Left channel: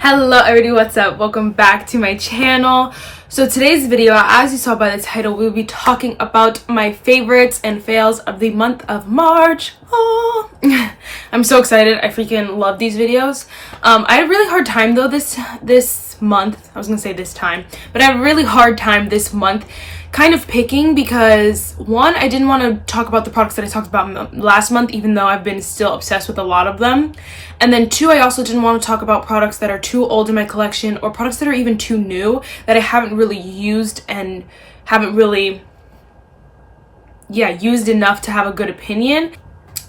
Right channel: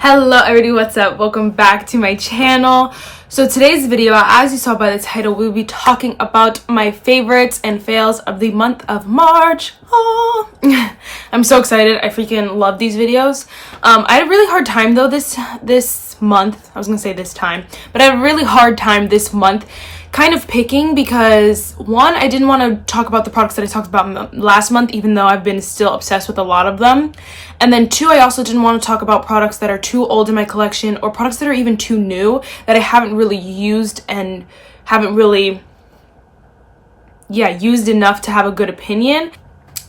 Hello everybody, what's up? Welcome back to my channel. So today's video, as you saw by the title, we'll be talking about my favorites and fails of the month of March. Oh. I'm so excited. I freaking love these videos. I had a really hard time though this month. I was gonna say this time, but I have a really hard time this month kind of picking because one, I didn't want to talk about the products that I talked about last month, even though I've been still obsessed with a lot of them. And then two, I also didn't want to talk about products that are too old in my collection or products that are even too new that I haven't really used and haven't really, used enough to have a good opinion.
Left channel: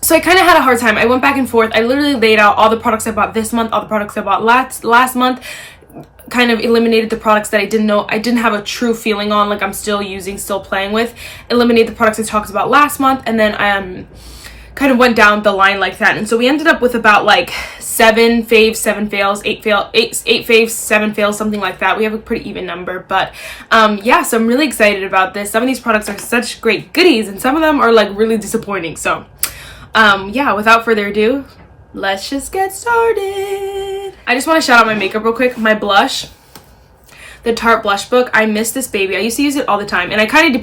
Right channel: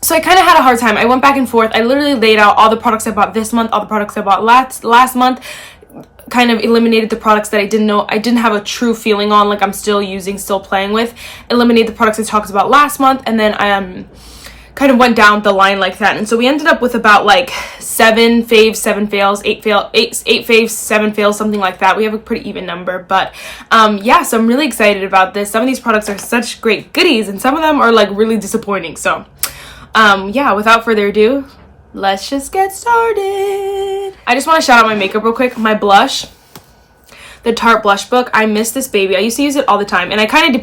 So I kind of had a hard time. I went back and forth. I literally laid out all the products I bought this month, all the products I bought last month, kind of eliminated the products that I didn't have a true feeling on, like I'm still using, still playing with, eliminated the products I talked about last month, and then I kind of went down the line like that. And so we ended up with about like 7 faves, 7 fails, 8 faves, 7 fails, something like that. We have a pretty even number, but so I'm really excited about this. Some of these products are such great goodies and some of them are like really disappointing. So without further ado, let's just get started. I just want to shout out my makeup real quick. My blush, the Tarte blush book. I miss this baby. I used to use it all the time, and I kind of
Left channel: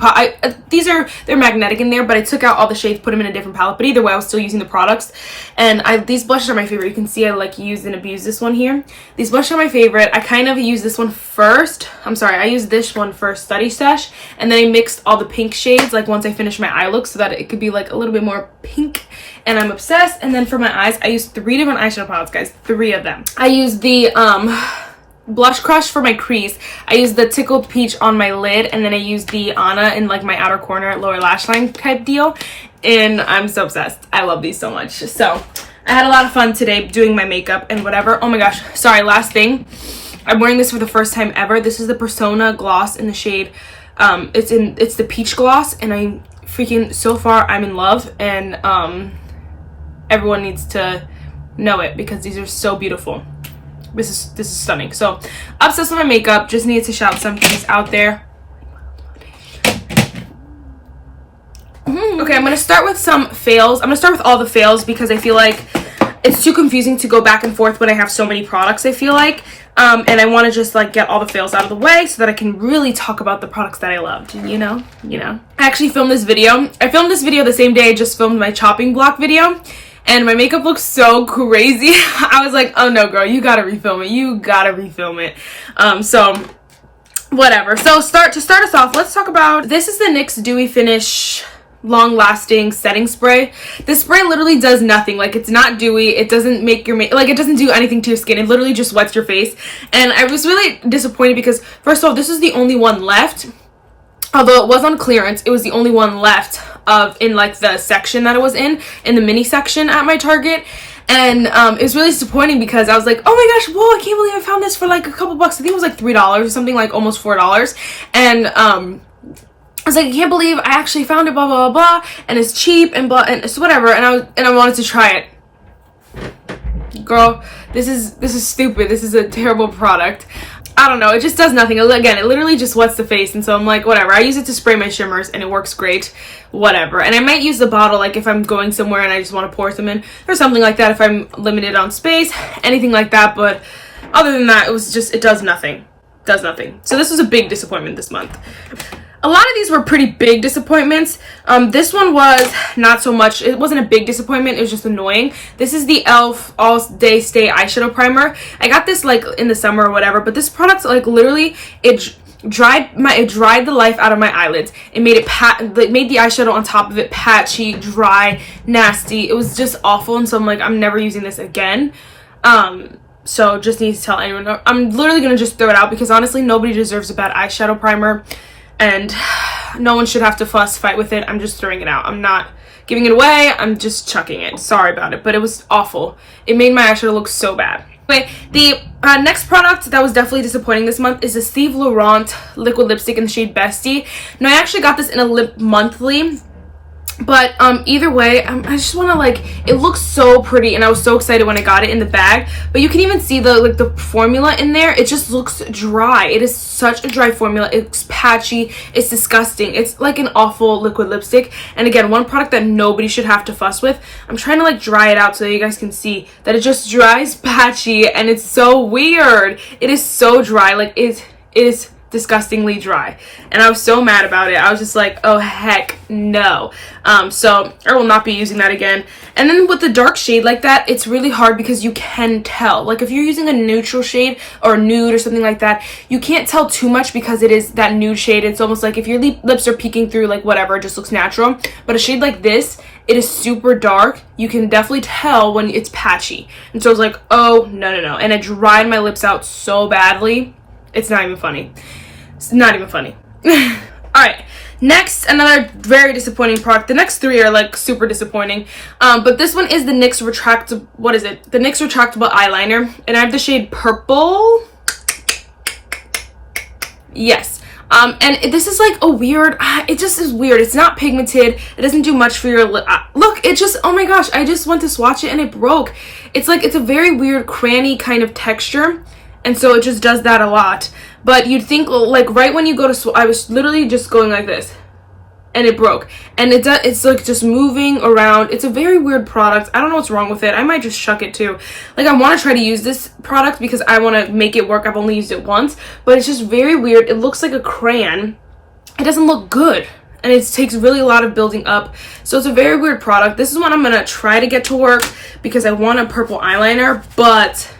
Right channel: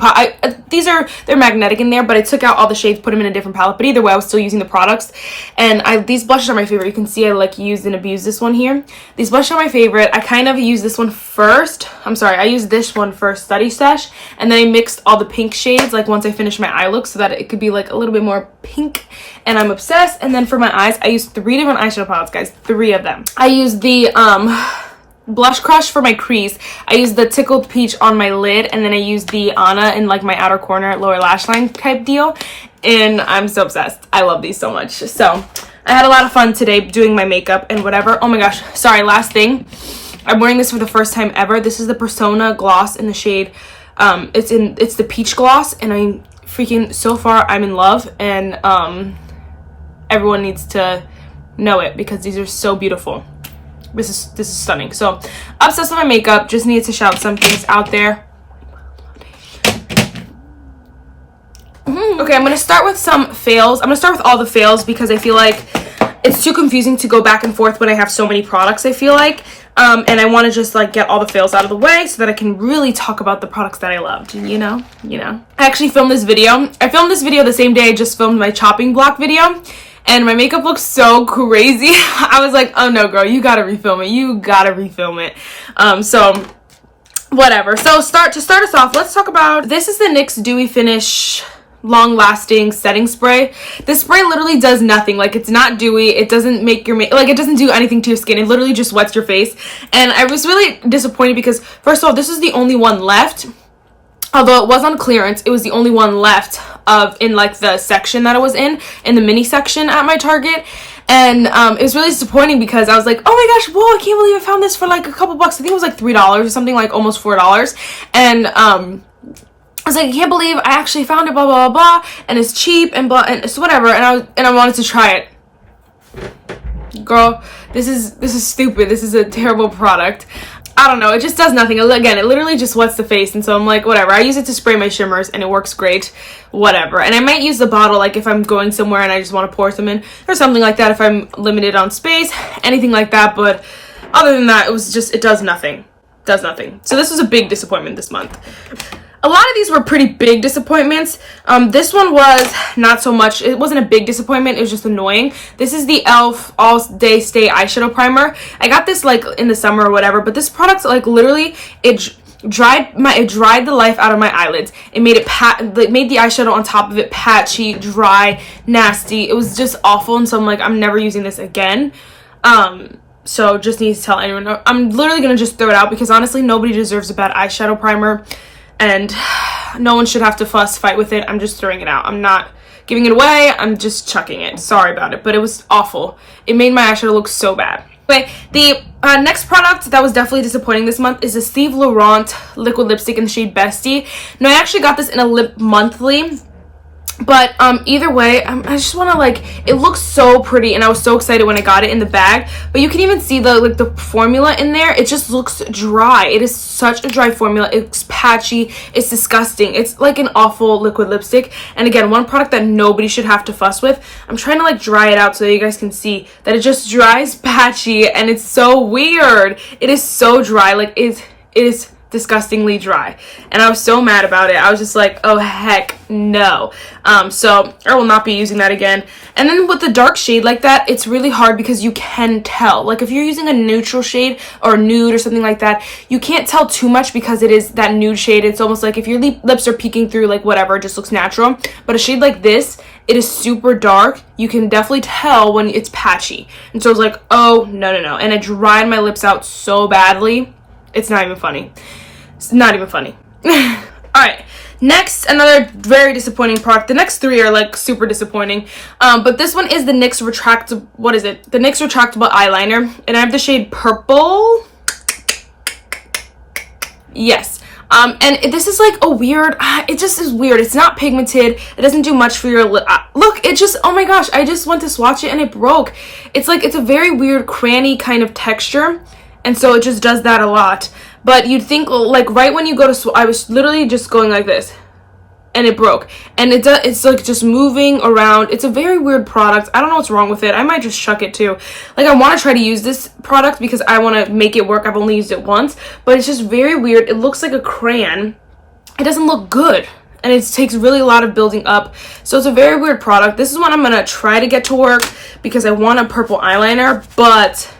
they're magnetic in there, but I took out all the shades, put them in a different palette. But either way, I was still using the products, and these blushes are my favorite. You can see I like used and abused this one here. These blushes are my favorite. I kind of used this one first. I used this one first, Study Stash, and then I mixed all the pink shades like once I finished my eye look so that it could be like a little bit more pink. And I'm obsessed. And then for my eyes, I used 3 different eyeshadow palettes, guys. 3 of them. I used the Blush Crush for my crease. I used the Tickled Peach on my lid, and then I used the Anna in like my outer corner lower lash line type deal. And I'm so obsessed. I love these so much. So I had a lot of fun today doing my makeup and whatever. Oh my gosh, sorry, last thing. I'm wearing this for the first time ever. This is the Persona gloss in the shade. It's the peach gloss, and so far I'm in love, and everyone needs to know it because these are so beautiful. This is stunning. So obsessed with my makeup. Just needed to shout some things out there. Okay, I'm gonna start with some fails. I'm gonna start with all the fails because I feel like it's too confusing to go back and forth when I have so many products, I feel like. And I want to just like get all the fails out of the way so that I can really talk about the products that I loved, you know. I actually filmed this video. I filmed this video the same day I just filmed my chopping block video. And my makeup looks so crazy. I was like, oh no, girl, you gotta refilm it. So whatever. So to start us off, let's talk about, this is the NYX Dewy Finish Long Lasting Setting Spray. This spray literally does nothing. Like, it's not dewy. It doesn't make your it doesn't do anything to your skin. It literally just wets your face. And I was really disappointed because, first of all, this is the only one left. Although it was on clearance, it was the only one left in like the section that it was in the mini section at my Target. And it was really disappointing because I was like, oh my gosh, whoa, I can't believe I found this for like a couple bucks. I think it was like $3 or something, like almost $4. And I was like, I can't believe I actually found it, blah blah blah, and it's cheap and blah, and it's whatever. And I wanted to try it. Girl, this is stupid. This is a terrible product. I don't know, it just does nothing. Again, it literally just wets the face, and so I'm like, whatever. I use it to spray my shimmers, and it works great, whatever. And I might use the bottle, like, if I'm going somewhere and I just want to pour some in, or something like that, if I'm limited on space, anything like that. But other than that, it does nothing. So this was a big disappointment this month. A lot of these were pretty big disappointments. This one was not so much. It wasn't a big disappointment. It was just annoying. This is the e.l.f. All Day Stay Eyeshadow Primer. I got this like in the summer or whatever, but this product, like, literally, it dried the life out of my eyelids. It made made the eyeshadow on top of it patchy, dry, nasty. It was just awful, and so I'm like, I'm never using this again. So just need to tell anyone. I'm literally gonna just throw it out because honestly, nobody deserves a bad eyeshadow primer. And no one should have to fight with it. I'm just throwing it out. I'm not giving it away. I'm just chucking it. Sorry about it, but it was awful. It made my eyeshadow look so bad. Anyway, the next product that was definitely disappointing this month is the Steve Laurent liquid lipstick in the shade Bestie. Now, I actually got this in a lip monthly. But either way, I just want to, like, it looks so pretty, and I was so excited when I got it in the bag. But you can even see the, like, the formula in there. It just looks dry. It is such a dry formula. It's patchy. It's disgusting. It's like an awful liquid lipstick. And again, one product that nobody should have to fuss with. I'm trying to, like, dry it out so you guys can see that it just dries patchy, and it's so weird. It is so dry. Like, it is disgustingly dry, and I was so mad about it. I was just like, oh heck no. So I will not be using that again. And then with the dark shade like that, it's really hard because you can tell, like, if you're using a neutral shade or nude or something like that, you can't tell too much because it is that nude shade. It's almost like if your lips are peeking through, like, whatever, it just looks natural. But a shade like this, it is super dark. You can definitely tell when it's patchy. And so I was like, oh no, and I dried my lips out so badly. It's not even funny. It's not even funny. All right, next, another very disappointing product. The next three are, like, super disappointing. But this one is the NYX retractable, what is it? The NYX retractable eyeliner, and I have the shade Purple. Yes. And this is like a weird, it just is weird. It's not pigmented. It doesn't do much for your lip. Look, it just, oh my gosh, I just went to swatch it and it broke. It's like, it's a very weird cranny kind of texture. And so it just does that a lot. But you'd think, like, right when you go to I was literally just going like this, and it broke. And it's like just moving around. It's a very weird product. I don't know what's wrong with it. I might just chuck it too. Like, I want to try to use this product because I want to make it work. I've only used it once, but it's just very weird. It looks like a crayon. It doesn't look good, and it takes really a lot of building up. So it's a very weird product. This is one I'm gonna try to get to work because I want a purple eyeliner, but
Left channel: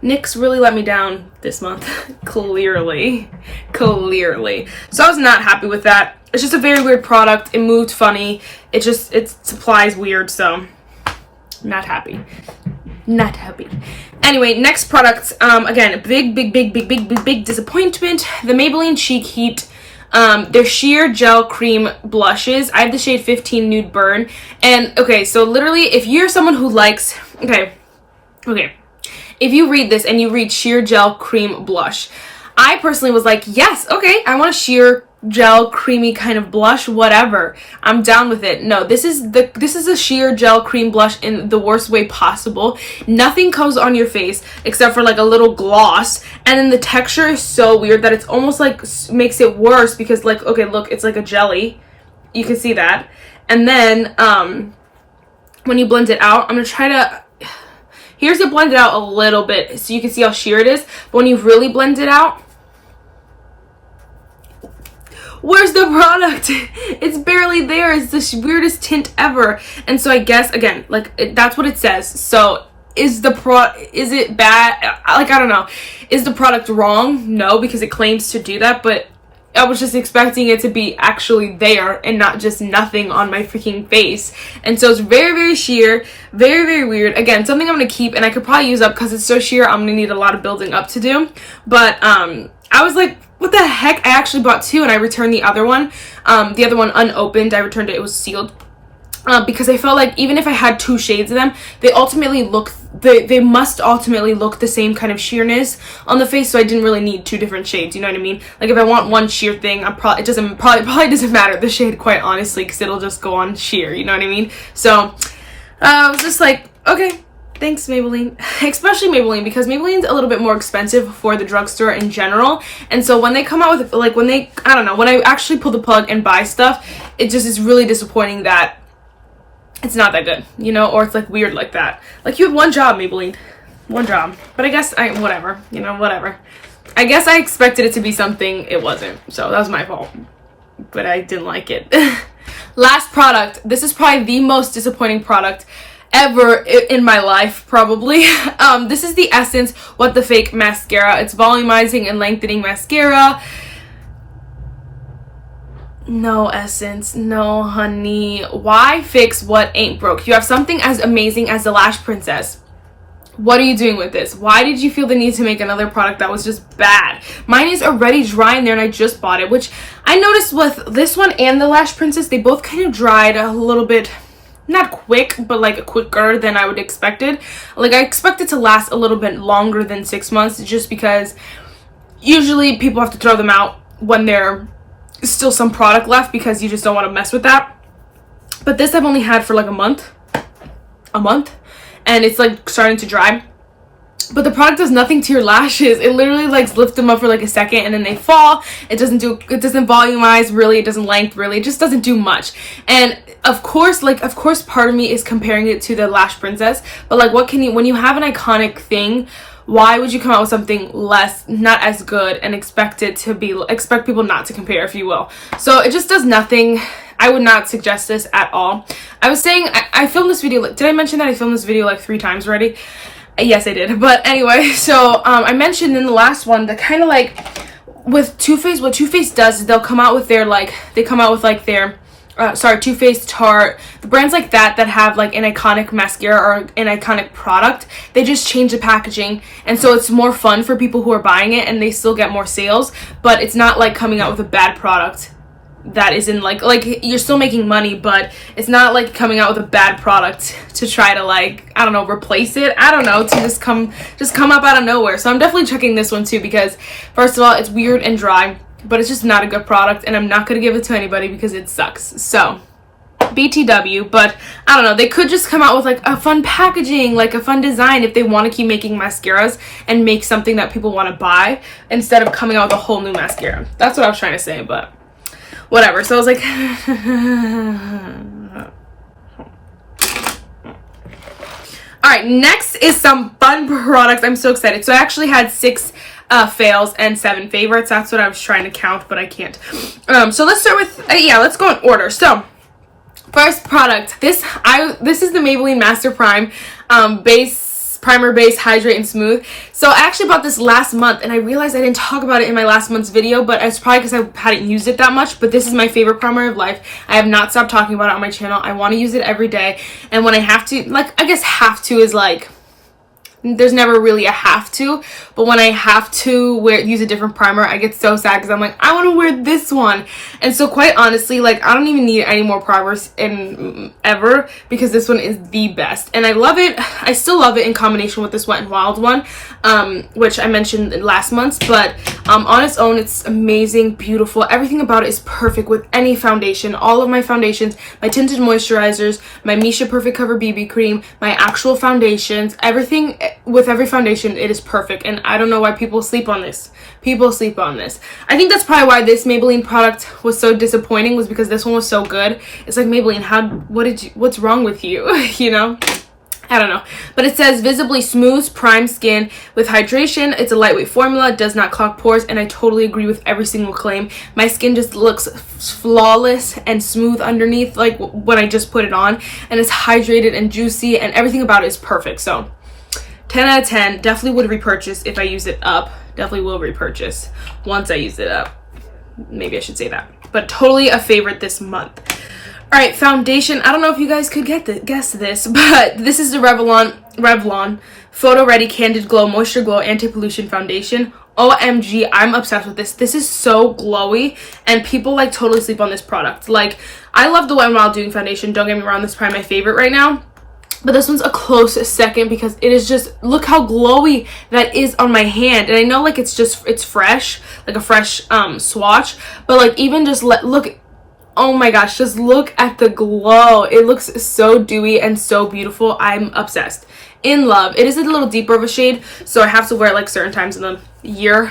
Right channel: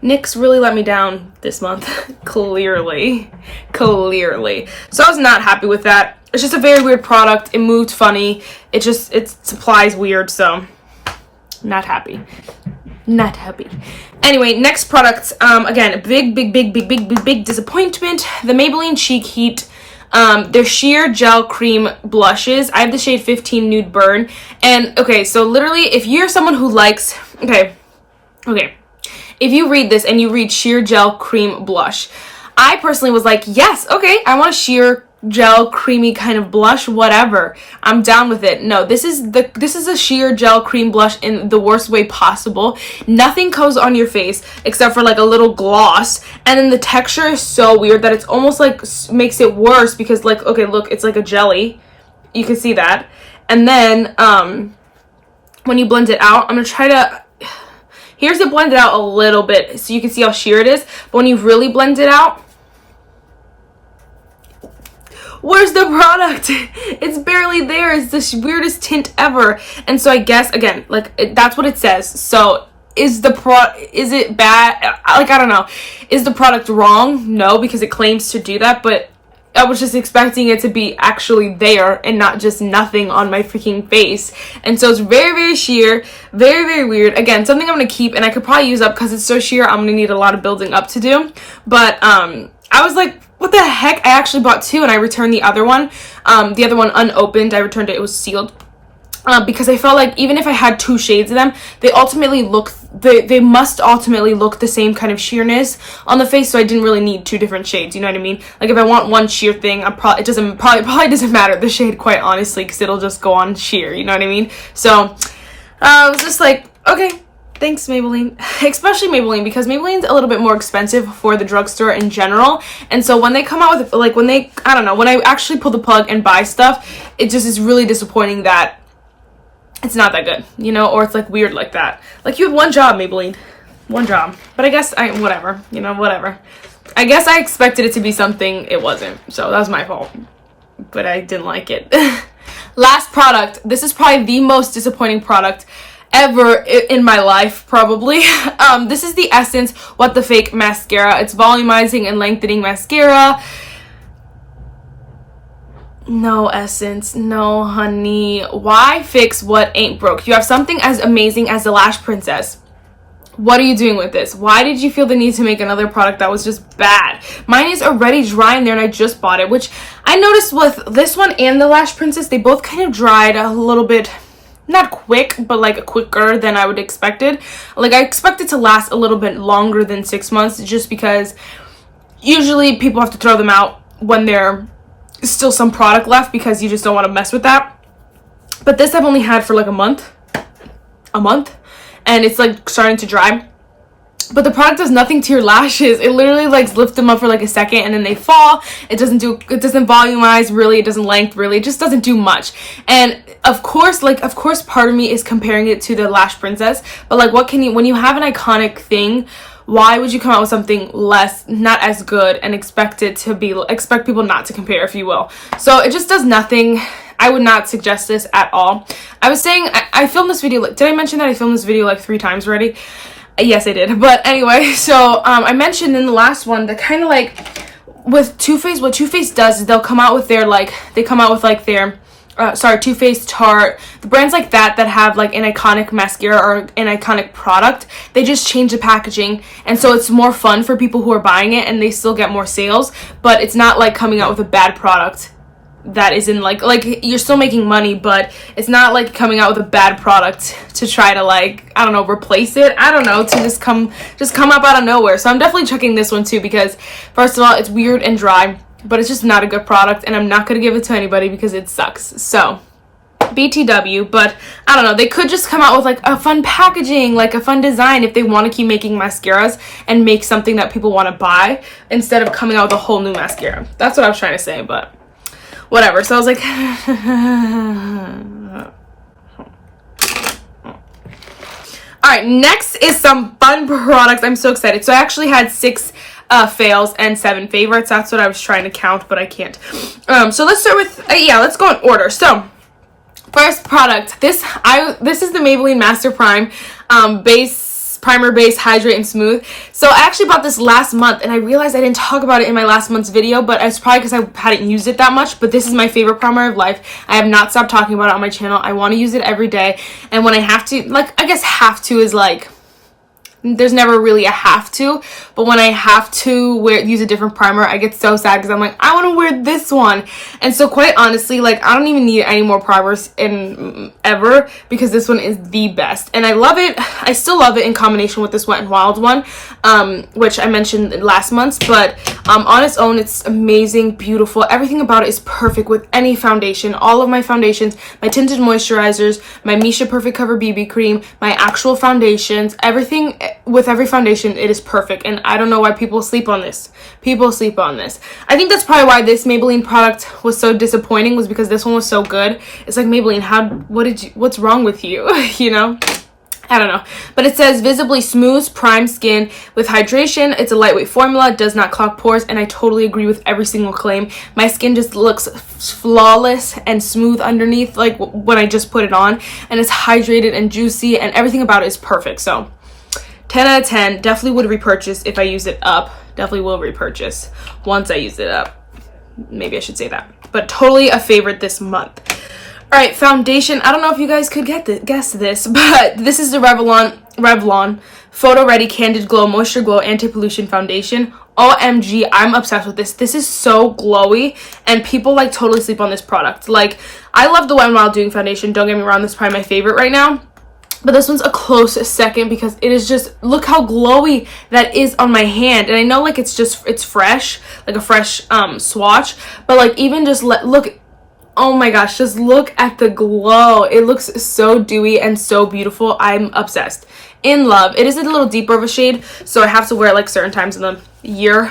NYX really let me down this month. clearly. So I was not happy with that. It's just a very weird product. It moved funny. It supplies weird, so not happy. Anyway, next product, again, big disappointment. The Maybelline Cheek Heat, they're sheer gel cream blushes. I have the shade 15 Nude Burn. And okay, so literally, if you're someone who likes, okay, if you read this and you read sheer gel cream blush, I personally was like, yes, okay, I want a sheer gel creamy kind of blush, whatever, I'm down with it. No, this is a sheer gel cream blush in the worst way possible. Nothing comes on your face except for, like, a little gloss, and then the texture is so weird that it's almost like makes it worse because, like, okay, look, it's like a jelly. You can see that. And then when you blend it out, I'm gonna try to, here's it blended out a little bit so you can see how sheer it is, but when you really blend it out, where's the product? It's barely there. It's the weirdest tint ever. And so I guess, again, like, that's what it says. So is it bad? Like, I don't know. Is the product wrong? No, because it claims to do that, but I was just expecting it to be actually there and not just nothing on my freaking face. And so it's very, very sheer, very, very weird. Again, something I'm going to keep, and I could probably use up because it's so sheer. I'm going to need a lot of building up to do. But I was like, what the heck? I actually bought two, and I returned the other one. The other one unopened. I returned it. It was sealed. Because I felt like even if I had two shades of them, they must ultimately look the same kind of sheerness on the face, so I didn't really need two different shades, you know what I mean? Like, if I want one sheer thing, it probably doesn't matter the shade, quite honestly, because it'll just go on sheer, you know what I mean? So I was just like, okay, thanks, Maybelline. Especially Maybelline, because Maybelline's a little bit more expensive for the drugstore in general. And so when they come out with, like, when I actually pull the plug and buy stuff, it just is really disappointing that it's not that good, you know, or it's, like, weird like that. Like, you had one job, Maybelline. One job. But I guess whatever. I guess I expected it to be something it wasn't. So that was my fault. But I didn't like it. Last product. This is probably the most disappointing product ever in my life, probably. This is the Essence What the Fake mascara. It's volumizing and lengthening mascara. No, Essence, no, honey. Why fix what ain't broke? You have something as amazing as the Lash Princess. What are you doing with this? Why did you feel the need to make another product that was just bad? Mine is already dry in there, and I just bought it, which I noticed with this one and the Lash Princess, they both kind of dried a little bit, not quick, but like quicker than I would expected. Like, I expect it to last a little bit longer than 6 months, just because usually people have to throw them out when they're still some product left, because you just don't want to mess with that. But this I've only had for like a month, and it's like starting to dry. But the product does nothing to your lashes. It literally like lifts them up for like a second and then they fall. It doesn't volumize really, it doesn't length really, it just doesn't do much. And of course part of me is comparing it to the Lash Princess, but like when you have an iconic thing, why would you come out with something not as good and expect people not to compare, if you will? So it just does nothing. I would not suggest this at all. I was saying I filmed this video, did I mention that I filmed this video like 3 times already? Yes, I did. But anyway, so I mentioned in the last one that kind of like with Too Faced, what Too Faced does is they'll come out with their Too Faced, Tarte, the brands like that have like an iconic mascara or an iconic product. They just change the packaging, and so it's more fun for people who are buying it, and they still get more sales. But it's not like coming out with a bad product that is in like you're still making money, but it's not like coming out with a bad product to try to like, I don't know, replace it. I don't know, to just come up out of nowhere. So I'm definitely checking this one too, because first of all, it's weird and dry, but it's just not a good product, and I'm not going to give it to anybody because it sucks. So BTW, but I don't know, they could just come out with like a fun packaging, like a fun design, if they want to keep making mascaras and make something that people want to buy instead of coming out with a whole new mascara. That's what I was trying to say, but whatever. So I was like all right, next is some fun products. I'm so excited. So I actually had 6 fails and 7 favorites. That's what I was trying to count, but I can't. So let's start with let's go in order. So first product, this is the Maybelline Master Prime primer, base, hydrate, and smooth. So I actually bought this last month, and I realized I didn't talk about it in my last month's video, but it's probably because I hadn't used it that much. But this is my favorite primer of life. I have not stopped talking about it on my channel. I want to use it every day, and when I have to, like, I guess have to is like, there's never really a have to, but when I have to use a different primer, I get so sad because I'm like, I want to wear this one. And so quite honestly, like, I don't even need any more primers ever, because this one is the best, and I love it. I still love it in combination with this Wet n Wild one, which I mentioned last month, but on its own, it's amazing, beautiful. Everything about it is perfect with any foundation. All of my foundations, my tinted moisturizers, my Misha Perfect Cover BB cream, my actual foundations, everything with every foundation, it is perfect. And I don't know why people sleep on this. People sleep on this. I think that's probably why this Maybelline product was so disappointing, was because this one was so good. It's like, Maybelline, what's wrong with you? You know? I don't know. But it says visibly smooth, prime skin with hydration. It's a lightweight formula, does not clog pores, and I totally agree with every single claim. My skin just looks flawless and smooth underneath, like when I just put it on, and it's hydrated and juicy, and everything about it is perfect. So 10 out of 10, definitely would repurchase if I use it up. Definitely will repurchase once I use it up. Maybe I should say that. But totally a favorite this month. All right, foundation. I don't know if you guys could guess this, but this is the Revlon Photoready Candid Glow Moisture Glow Anti-Pollution Foundation. OMG, I'm obsessed with this. This is so glowy, and people like totally sleep on this product. Like, I love the Wet n Wild Doing Foundation. Don't get me wrong, this is probably my favorite right now. But this one's a close second because it is just, look how glowy that is on my hand. And I know like it's fresh, like a fresh swatch, but like even just look, oh my gosh, just look at the glow. It looks so dewy and so beautiful. I'm obsessed, in love. It is a little deeper of a shade, so I have to wear it like certain times in the year,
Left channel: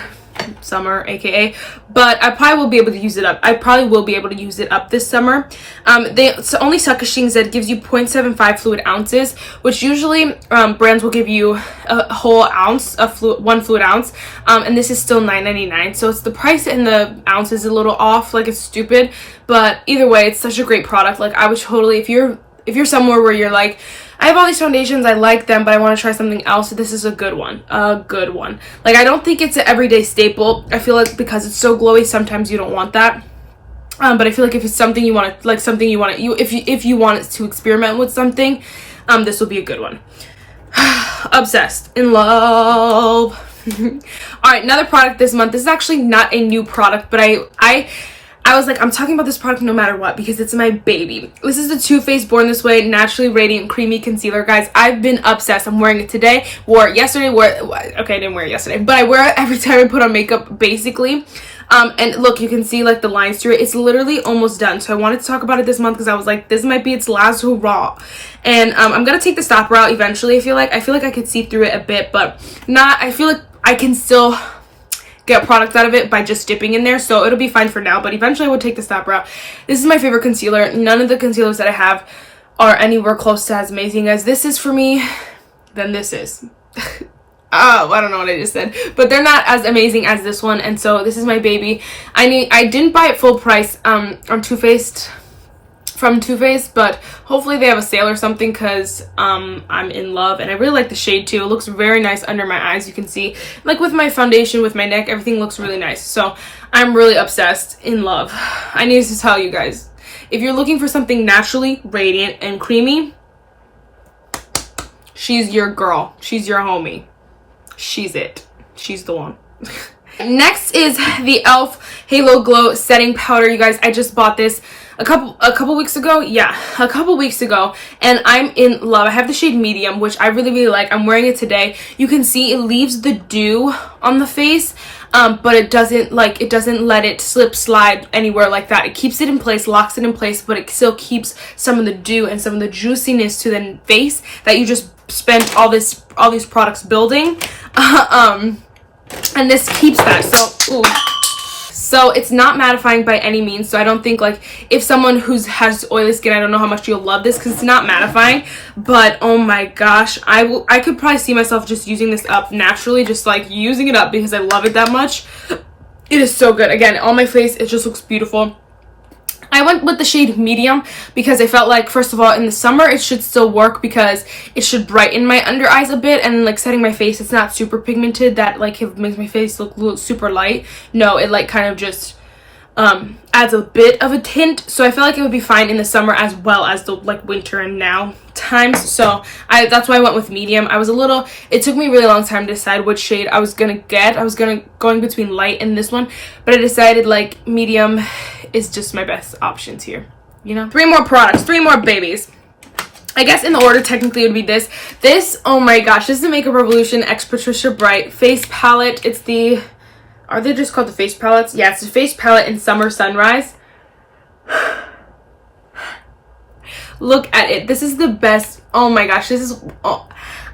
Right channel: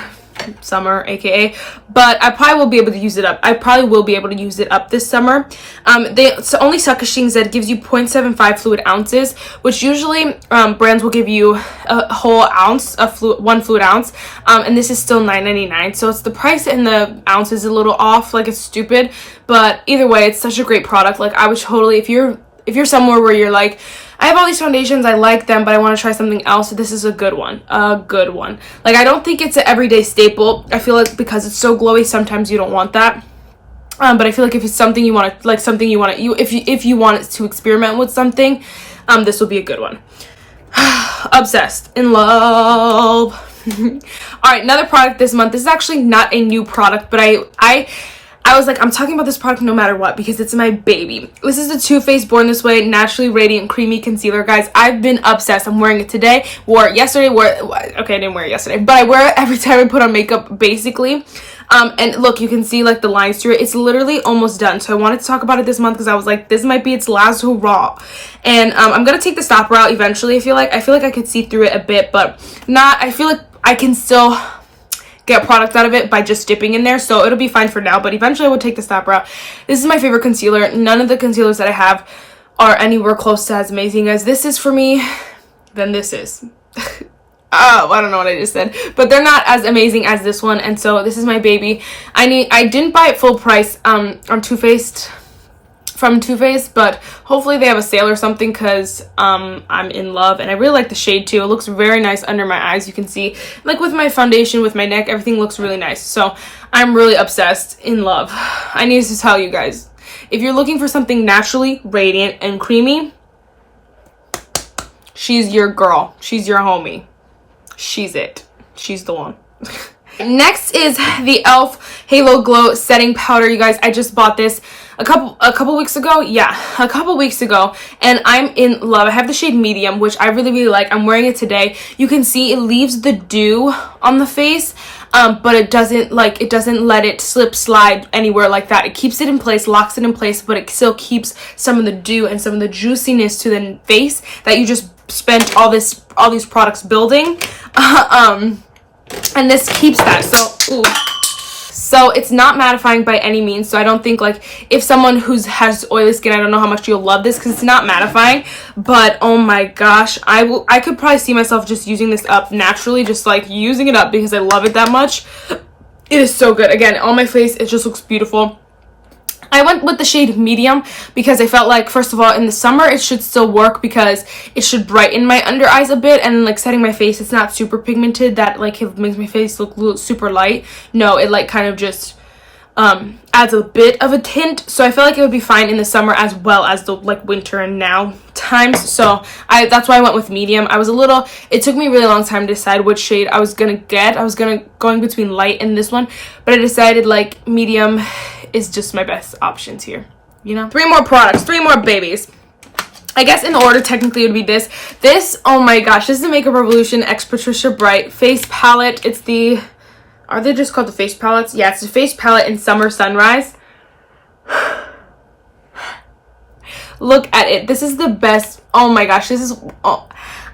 summer aka, but I probably will be able to use it up. I probably will be able to use it up this summer. It's only Suckushing that gives you 0.75 fluid ounces, which usually brands will give you a whole ounce of one fluid ounce, and this is still $9.99. So it's the price and the ounce is a little off, like it's stupid, but either way, it's such a great product. Like, I would totally, if you're somewhere where you're like, I have all these foundations, I like them, but I want to try something else, this is a good one. A good one. Like, I don't think it's an everyday staple. I feel like because it's so glowy, sometimes you don't want that. But I feel like if it's something you want to, like something you want to, if you want to experiment with something, this will be a good one. Obsessed. In love. All right, another product this month. This is actually not a new product, but I I was like, I'm talking about this product no matter what because it's my baby. This is the Too Faced Born This Way Naturally Radiant Creamy Concealer, guys. I've been obsessed. I'm wearing it today, wore it yesterday, okay, I didn't wear it yesterday, but I wear it every time I put on makeup, basically. And look, you can see like the lines through it. It's literally almost done. So I wanted to talk about it this month because I was like, this might be its last hurrah. And I'm gonna take the stopper out eventually. I feel like I could see through it a bit, but not. I feel like I can still get product out of it by just dipping in there, so it'll be fine for now, but eventually I will take the stopper out. This is my favorite concealer. None of the concealers that I have are anywhere close to as amazing as this is for me. Then this is. Oh, I don't know what I just said, but they're not as amazing as this one, and so this is my baby. I didn't buy it full price on from Too Faced, but hopefully they have a sale or something because I'm in love, and I really like the shade too. It looks very nice under my eyes. You can see, like with my foundation, with my neck, everything looks really nice. So I'm really obsessed, in love. I need to tell you guys, if you're looking for something naturally radiant and creamy, she's your girl. She's your homie. She's it. She's the one. Next is the e.l.f. Halo Glow Setting Powder. You guys, I just bought this a couple weeks ago. Yeah, a couple weeks ago, and I'm in love. I have the shade medium, which I really like. I'm wearing it today. You can see it leaves the dew on the face, but it doesn't let it slide anywhere like that. It keeps it in place, locks it in place, but it still keeps some of the dew and some of the juiciness to the face that you just spent all these products building. And this keeps that. So it's not mattifying by any means. So I don't think, like, if someone who has oily skin, I don't know how much you'll love this because it's not mattifying. But oh my gosh, I could probably see myself just using this up naturally, just like using it up because I love it that much. It is so good. Again, on my face, it just looks beautiful. I went with the shade medium because I felt like, first of all, in the summer it should still work because it should brighten my under eyes a bit, and like setting my face, it's not super pigmented that like it makes my face look super light. No, it like kind of just adds a bit of a tint, so I feel like it would be fine in the summer as well as the like winter and now times. So that's why I went with medium. It took me a really long time to decide which shade I was gonna get. I was going between light and this one, but I decided like medium is just my best options here, you know. 3 more products, 3 more babies. I guess in order technically it would be this, oh my gosh, this is the Makeup Revolution X Patricia Bright face palette. It's the, are they just called the face palettes? Yeah, it's the face palette in Summer Sunrise. Look at it. This is the best. Oh my gosh, this is,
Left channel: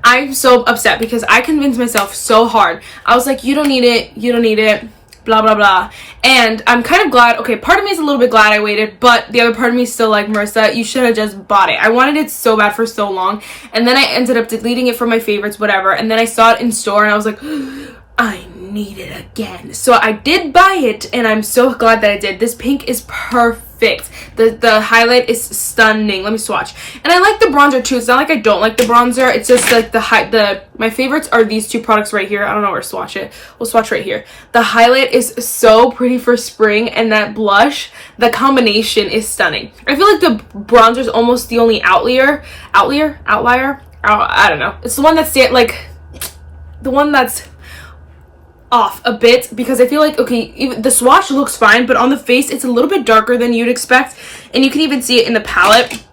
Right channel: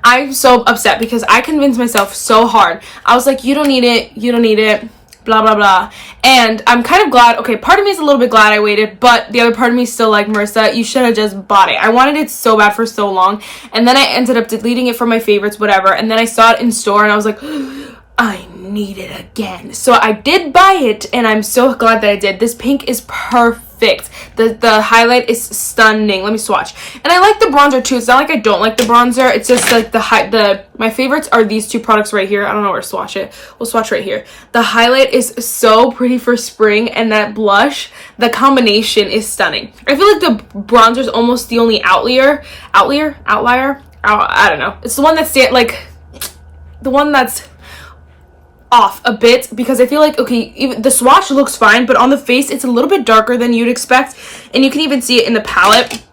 I'm so upset because I convinced myself so hard. I was like, you don't need it, blah blah blah. And I'm kind of glad. Okay, part of me is a little bit glad I waited, but the other part of me is still like, Marissa, you should have just bought it. I wanted it so bad for so long, and then I ended up deleting it from my favorites, whatever, and then I saw it in store and I was like, I need it again. So I did buy it, and I'm so glad that I did. This pink is perfect. The highlight is stunning. Let me swatch. And I like the bronzer too. It's not like I don't like the bronzer. It's just like my favorites are these 2 products right here. I don't know where to swatch it. We'll swatch right here. The highlight is so pretty for spring, and that blush, the combination is stunning. I feel like the bronzer is almost the only outlier. I don't know. It's the one that's the one that's off a bit, because I feel like, okay, even the swatch looks fine, but on the face it's a little bit darker than you'd expect, and you can even see it in the palette.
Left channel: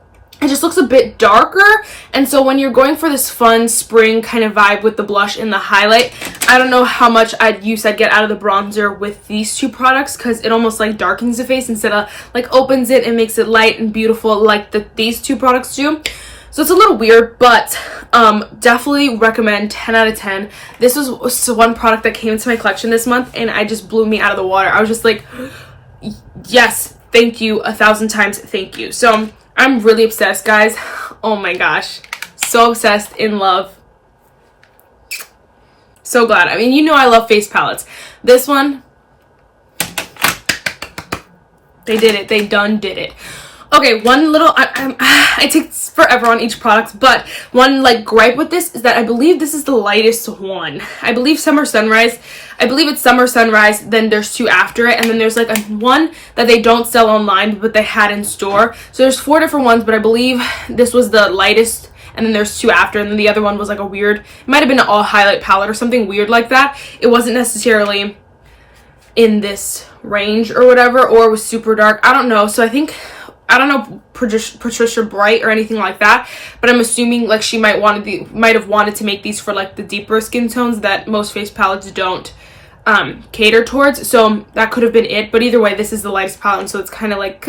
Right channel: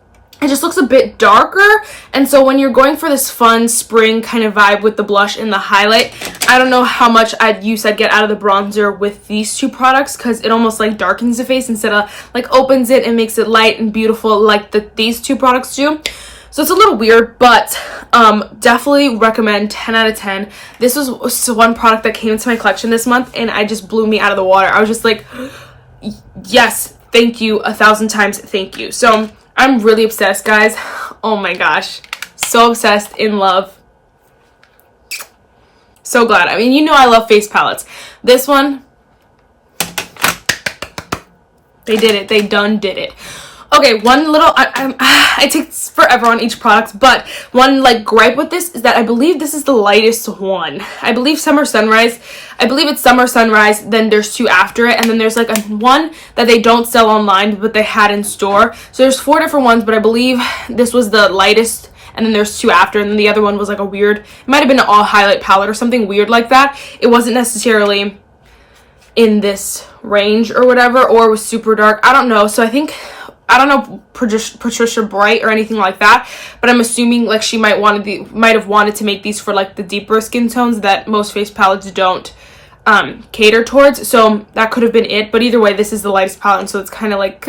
It just looks a bit darker, and so when you're going for this fun spring kind of vibe with the blush and the highlight, I don't know how much I'd get out of the bronzer with these 2 products, because it almost like darkens the face instead of like opens it and makes it light and beautiful like these 2 products do. So it's a little weird, but definitely recommend. 10 out of 10. This was one product that came into my collection this month, and I just blew me out of the water. I was just like, yes, thank you, 1,000 times thank you. So I'm really obsessed, guys. Oh my gosh, so obsessed, in love. So glad. I mean, you know I love face palettes. This one, they did it. They done did it. Okay, one little, I take forever on each product, but one like gripe with this is that I believe this is the lightest one. I believe it's Summer Sunrise, then there's 2 after it, and then there's like one that they don't sell online, but they had in store. So there's 4 different ones, but I believe this was the lightest, and then there's 2 after, and then the other one was like a weird, it might have been an all highlight palette or something weird like that. It wasn't necessarily in this range or whatever, or was super dark. I don't know. So I think, I don't know Patricia Bright or anything like that, but I'm assuming like she might have wanted to make these for like the deeper skin tones that most face palettes don't cater towards. So that could have been it, but either way, this is the lightest palette, and so it's kind of like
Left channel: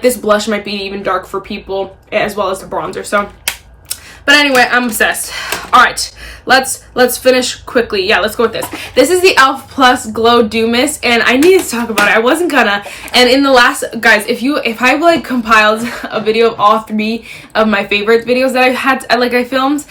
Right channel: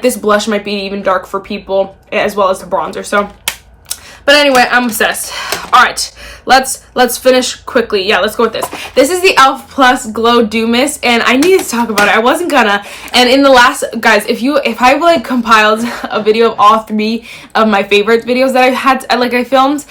this blush might be even dark for people as well as the bronzer. So, but anyway, I'm obsessed. All right, let's finish quickly. Yeah, let's go with this. This is the e.l.f. Plus Glow Dew Mist, and I needed to talk about it. I wasn't gonna, and in the last, guys, if I like compiled a video of all 3 of my favorite videos that I filmed,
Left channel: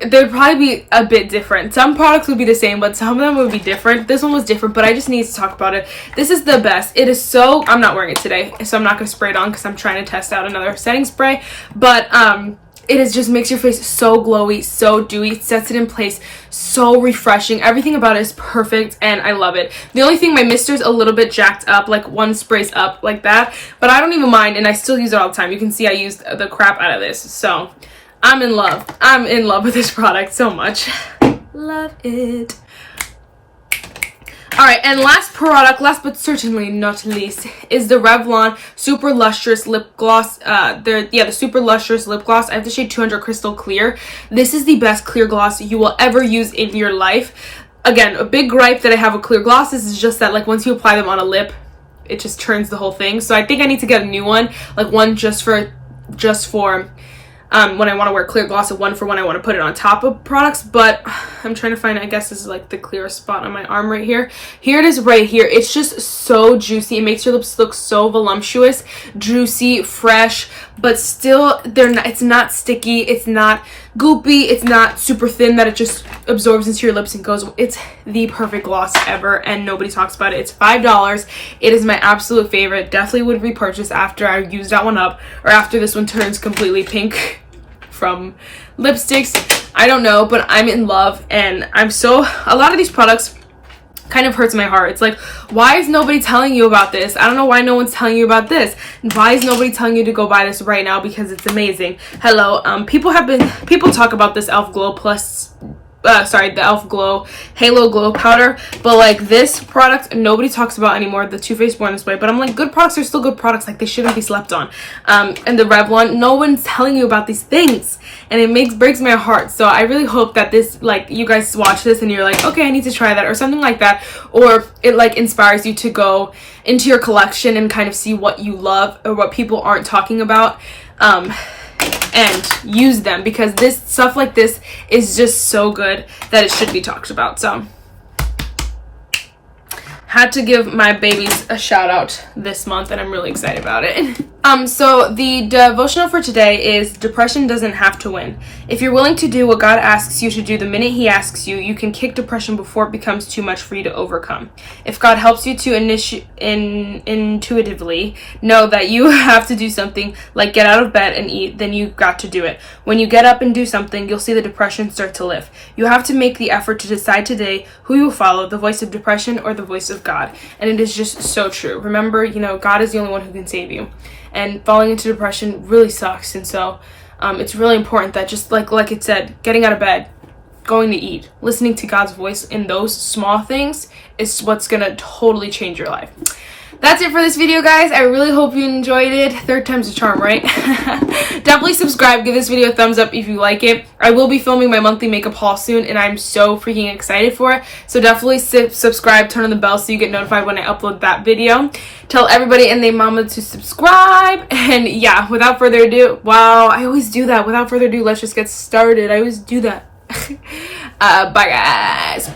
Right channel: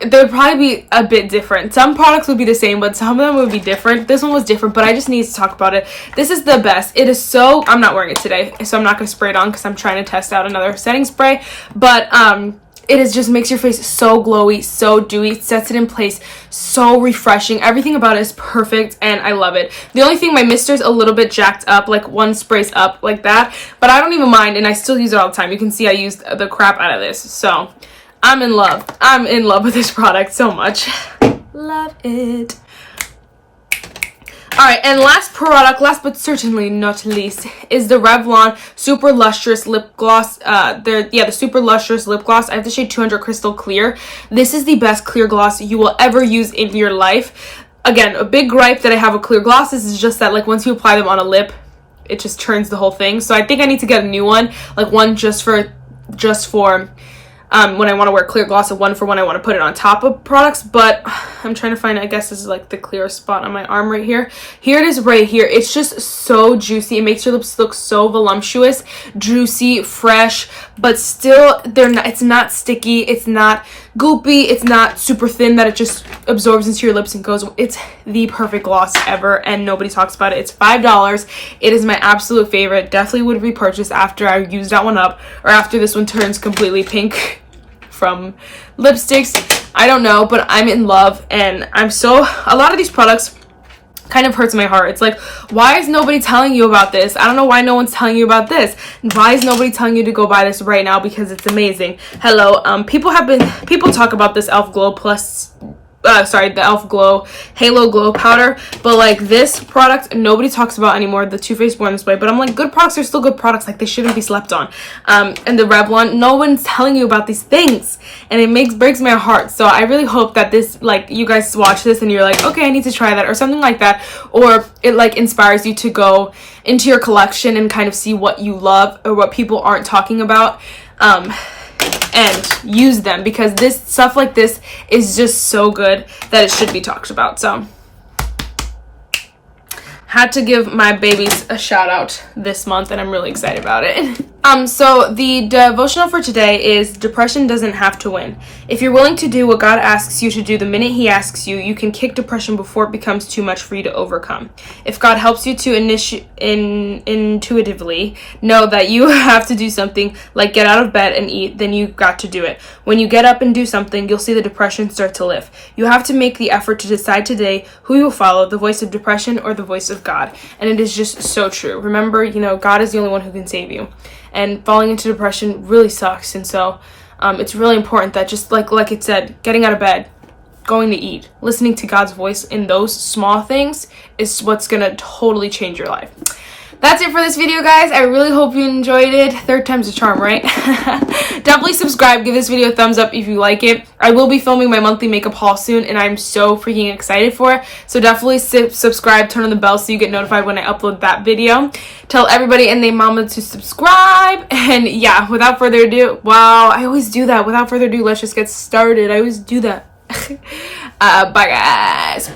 they'd probably be a bit different. Some products would be the same, but some of them would be different. This one was different, but I just need to talk about it. This is the best. It is so, I'm not wearing it today, so I'm not gonna spray it on because I'm trying to test out another setting spray, but it is just makes your face so glowy, so dewy, sets it in place, so refreshing. Everything about it is perfect, and I love it. The only thing, my mister's a little bit jacked up, like one spray's up like that, but I don't even mind, and I still use it all the time. You can see I used the crap out of this, so I'm in love. I'm in love with this product so much. Love it. Alright, and last product, last but certainly not least, is the Revlon Super Lustrous Lip Gloss. The Super Lustrous Lip Gloss. I have the shade 200 Crystal Clear. This is the best clear gloss you will ever use in your life. Again, a big gripe that I have with clear glosses is just that, like, once you apply them on a lip, it just turns the whole thing. So I think I need to get a new one, like one just for when I want to wear clear gloss, and one for when I want to put it on top of products. But I'm trying to find, I guess this is like the clear spot on my arm right here. Here it is right here. It's just so juicy. It makes your lips look so voluptuous, juicy, fresh, but still it's not sticky, it's not goopy, it's not super thin that it just absorbs into your lips and goes. It's the perfect gloss ever, and nobody talks about it. It's $5. It is my absolute favorite. Definitely would repurchase after I use that one up, or after this one turns completely pink from lipsticks. I don't know, but I'm in love, and a lot of these products kind of hurts my heart. It's like, why is nobody telling you about this? I don't know why no one's telling you about this. Why is nobody telling you to go buy this right now? Because it's amazing. Hello, people talk about this e.l.f. Glow Plus, the e.l.f. Glow Halo Glow Powder, but like this product nobody talks about anymore, the Too Faced Born This Way. But I'm like, good products are still good products, like they shouldn't be slept on. And the Revlon, no one's telling you about these things, and it breaks my heart. So I really hope that this, like, you guys watch this and you're like, okay, I need to try that or something like that, or it like inspires you to go into your collection and kind of see what you love or what people aren't talking about, and use them, because this stuff like this is just so good that it should be talked about. So had to give my babies a shout out this month, and I'm really excited about it. So the devotional for today is, depression doesn't have to win. If you're willing to do what God asks you to do the minute he asks you, you can kick depression before it becomes too much for you to overcome. If God helps you to intuitively know that you have to do something, like get out of bed and eat, then you've got to do it. When you get up and do something, you'll see the depression start to lift. You have to make the effort to decide today who you will follow, the voice of depression or the voice of God. And it is just so true. Remember, God is the only one who can save you. And falling into depression really sucks. And so it's really important that, just like it said, getting out of bed, going to eat, listening to God's voice in those small things is what's going to totally change your life. That's it for this video, guys. I really hope you enjoyed it. Third time's a charm, right? Definitely subscribe. Give this video a thumbs up if you like it. I will be filming my monthly makeup haul soon, and I'm so freaking excited for it. So definitely subscribe, turn on the bell so you get notified when I upload that video. Tell everybody and their mama to subscribe. And yeah, without further ado, wow, I always do that. Without further ado, let's just get started. I always do that. Bye, guys.